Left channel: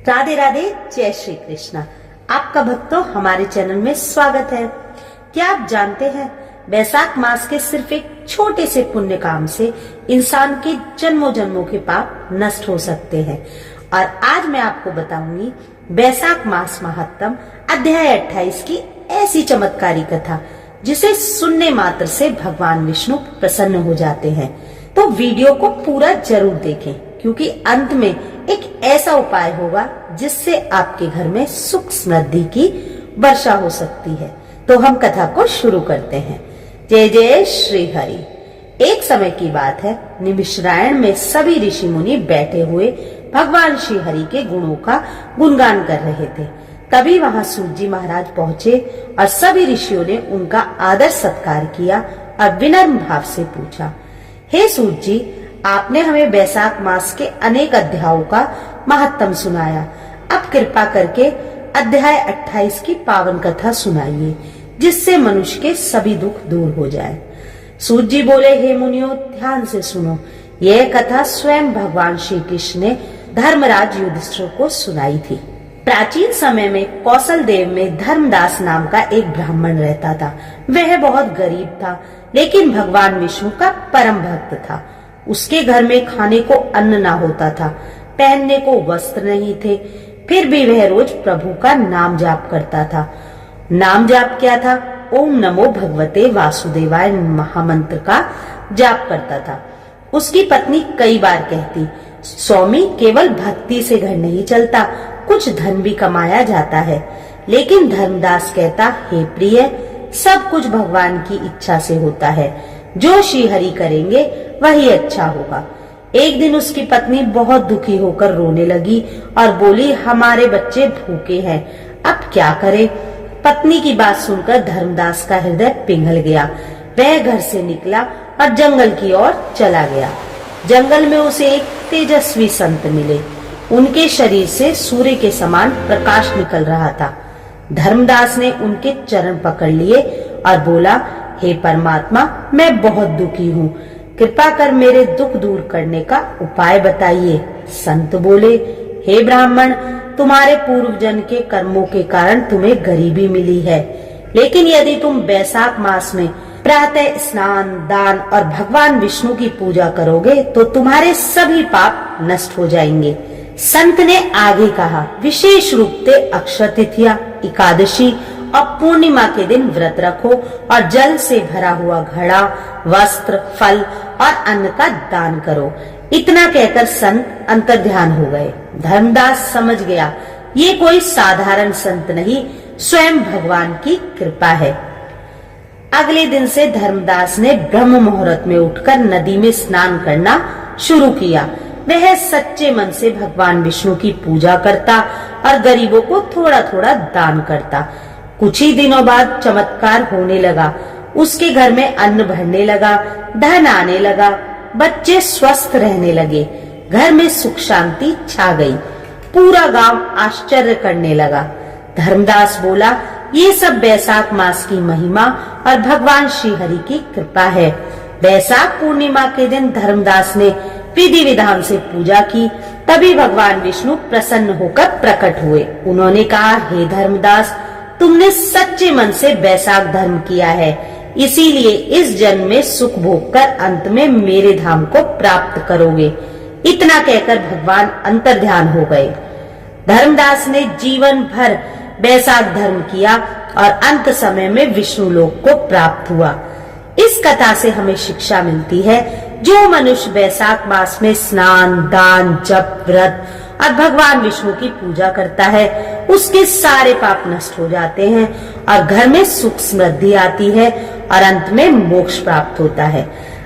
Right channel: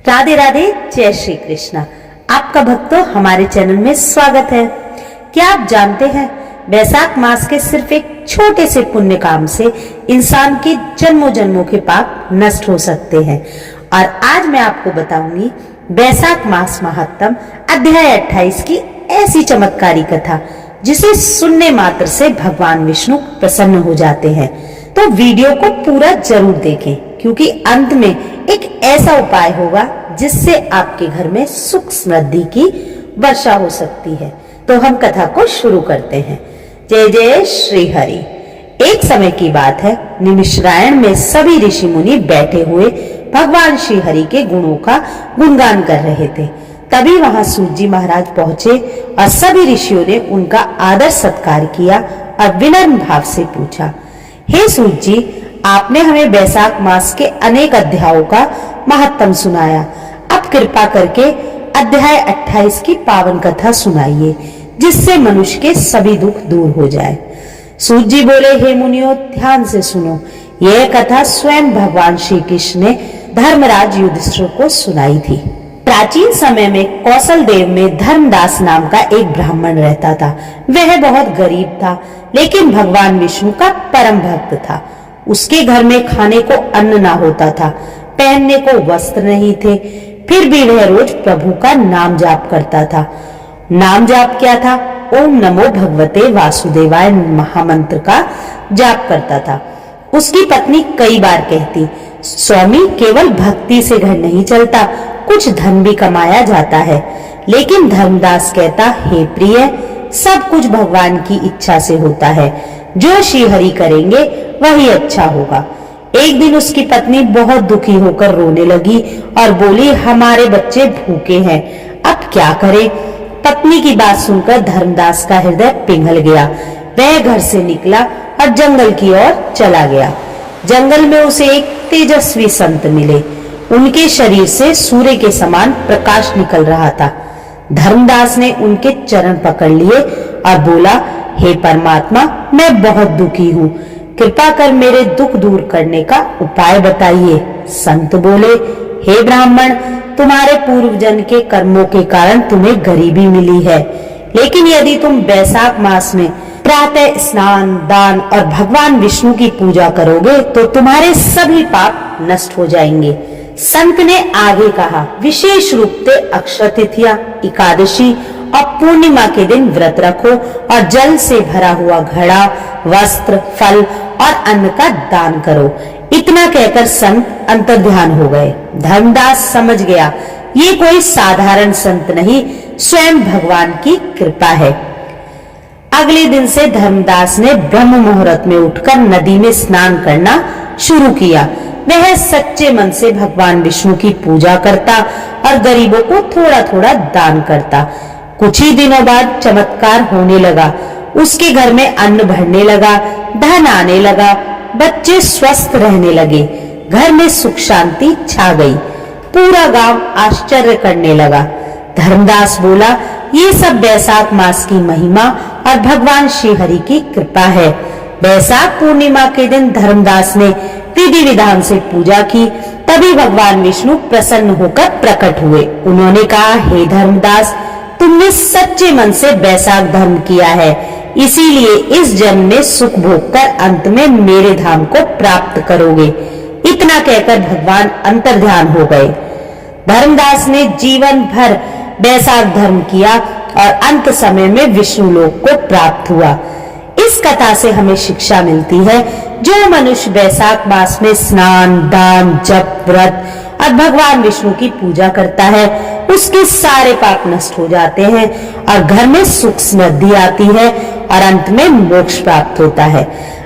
राधे राधे, जय श्री कृष्णा। आपका भक्तों हमारे चैनल में स्वागत है। क्या आप जानते हैं वैशाख मास के सिर्फ एक छोटे से पुण्य काम से इंसान के जन्मों जन्मों के पाप नष्ट हो सकते हैं। और आज मैं आपको बताऊंगी वैशाख मास महात्म अध्याय 28 की ऐसी चमत्कारी कथा जिसे सुनने मात्र से भगवान विष्णु प्रसन्न हो जाते हैं। तो वीडियो को पूरा जरूर देखें क्योंकि अंत में एक ऐसा उपाय होगा जिससे आपके घर में सुख समृद्धि की वर्षा हो सकती है। तो हम कथा को शुरू करते हैं। जय जय श्री हरि। एक समय की बात है, निमिषरायण में सभी ऋषि मुनि बैठे हुए भगवान श्री हरि के गुणों का गुणगान कर रहे थे। तभी वहां सूत जी महाराज पहुंचे और सभी ऋषियों ने उनका आदर सत्कार किया और विनम्र भाव से पूछा, हे सूत जी, आपने हमें वैशाख मास के अनेक अध्यायों का महात्म सुनाया। अब कृपा करके अध्याय 28 की पावन कथा सुनाइए जिससे मनुष्य के सभी दुख दूर हो जाए। सूत जी बोले, हे मुनियों, ध्यान से सुनो। यह कथा स्वयं भगवान श्री कृष्ण ने धर्मराज युधिष्ठिर को सुनाई थी। प्राचीन समय में कौशल देव में धर्मदास नाम का एक ब्राह्मण रहता था। वह बहुत गरीब था लेकिन भगवान विष्णु का परम भक्त था। उसके घर में खाने को अन्न ना होता था, पहनने को वस्त्र नहीं थे, फिर भी वह रोज प्रभु का नाम जाप करता था। नाम जाप क्या था? ओम नमो भगवते वासुदेवाय महामंत्र का जाप करता था। उसकी पत्नी कई बार कहती, स्वामी, केवल भक्ति से घर नहीं चलता, कुछ धन भी कमाया जाता है। लेकिन धर्मदास कहता, हे प्रिय, सब कुछ भगवान की इच्छा से होता है। जो श्री हरि करेंगे वही अच्छा होगा। एक दिन उसकी पत्नी बहुत दुखी होकर रोने लगी और बोली, हमारे बच्चे भूखे हैं, अब क्या करें? पत्नी की बात सुनकर धर्मदास का हृदय पिघल गया। वह घर से निकला और जंगल की ओर चला गया। जंगल में उसे एक तेजस्वी संत मिले। उनके शरीर से सूर्य के समान प्रकाश निकल रहा था। धर्मदास ने उनके चरण पकड़ लिए और बोला, हे परमात्मा, मैं बहुत दुखी हूँ, कृपा कर मेरे दुख दूर करने का उपाय बताइए। संत बोले, हे ब्राह्मण, तुम्हारे पूर्व जन्म के कर्मों के कारण तुम्हें गरीबी मिली है, लेकिन यदि तुम वैशाख मास में प्रातः स्नान, दान और भगवान विष्णु की पूजा करोगे तो तुम्हारे सभी पाप नष्ट हो जाएंगे। संत ने आगे कहा, विशेष रूप से अक्षय तृतीया, एकादशी और पूर्णिमा के दिन व्रत रखो और जल से भरा हुआ घड़ा, वस्त्र, फल और अन्न का दान करो। इतना कहकर संत अंतर्ध्यान हो गए। धर्मदास समझ गया ये कोई साधारण संत नहीं, स्वयं भगवान की कृपा है। अगले दिन से धर्मदास ने ब्रह्म मुहूर्त में उठकर नदी में स्नान करना शुरू किया। वह सच्चे मन से भगवान विष्णु की पूजा करता और गरीबों को थोड़ा थोड़ा दान करता। कुछ ही दिनों बाद चमत्कार होने लगा। उसके घर में अन्न भरने लगा, धन आने लगा, बच्चे स्वस्थ रहने लगे, घर में सुख शांति छा गई। पूरा गांव आश्चर्य करने लगा। धर्मदास बोला, ये सब वैशाख मास की महिमा और भगवान श्री हरि की कृपा है। वैशाख पूर्णिमा के दिन धर्मदास ने विधि विधान से पूजा की। तभी भगवान विष्णु प्रसन्न होकर प्रकट हुए। उन्होंने कहा, हे धर्मदास, तुमने सच्चे मन से वैशाख धर्म किया है, इसीलिए इस जन्म में सुख भोग कर अंत में मेरे धाम को प्राप्त करोगे। इतना कहकर भगवान अंतर्ध्यान हो गए। धर्मदास ने जीवन भर वैशाख धर्म किया और अंत समय में विष्णु लोक को प्राप्त हुआ। इस कथा से हमें शिक्षा मिलती है, जो मनुष्य वैशाख मास में स्नान, दान, जप, व्रत और भगवान विष्णु की पूजा करता है उसके सारे पाप नष्ट हो जाते हैं और घर में सुख समृद्धि आती है और अंत में मोक्ष प्राप्त होता है।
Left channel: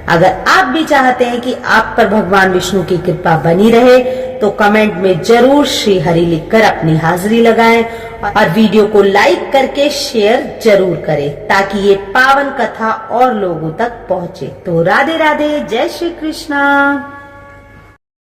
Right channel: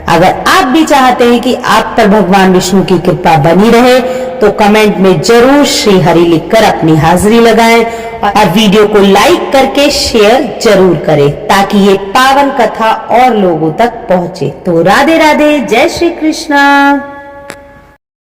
अगर आप भी चाहते हैं कि आप पर भगवान विष्णु की कृपा बनी रहे तो कमेंट में जरूर श्री हरि लिखकर अपनी हाजिरी लगाएं और वीडियो को लाइक करके शेयर जरूर करें ताकि ये पावन कथा और लोगों तक पहुंचे। तो राधे राधे, जय श्री कृष्णा।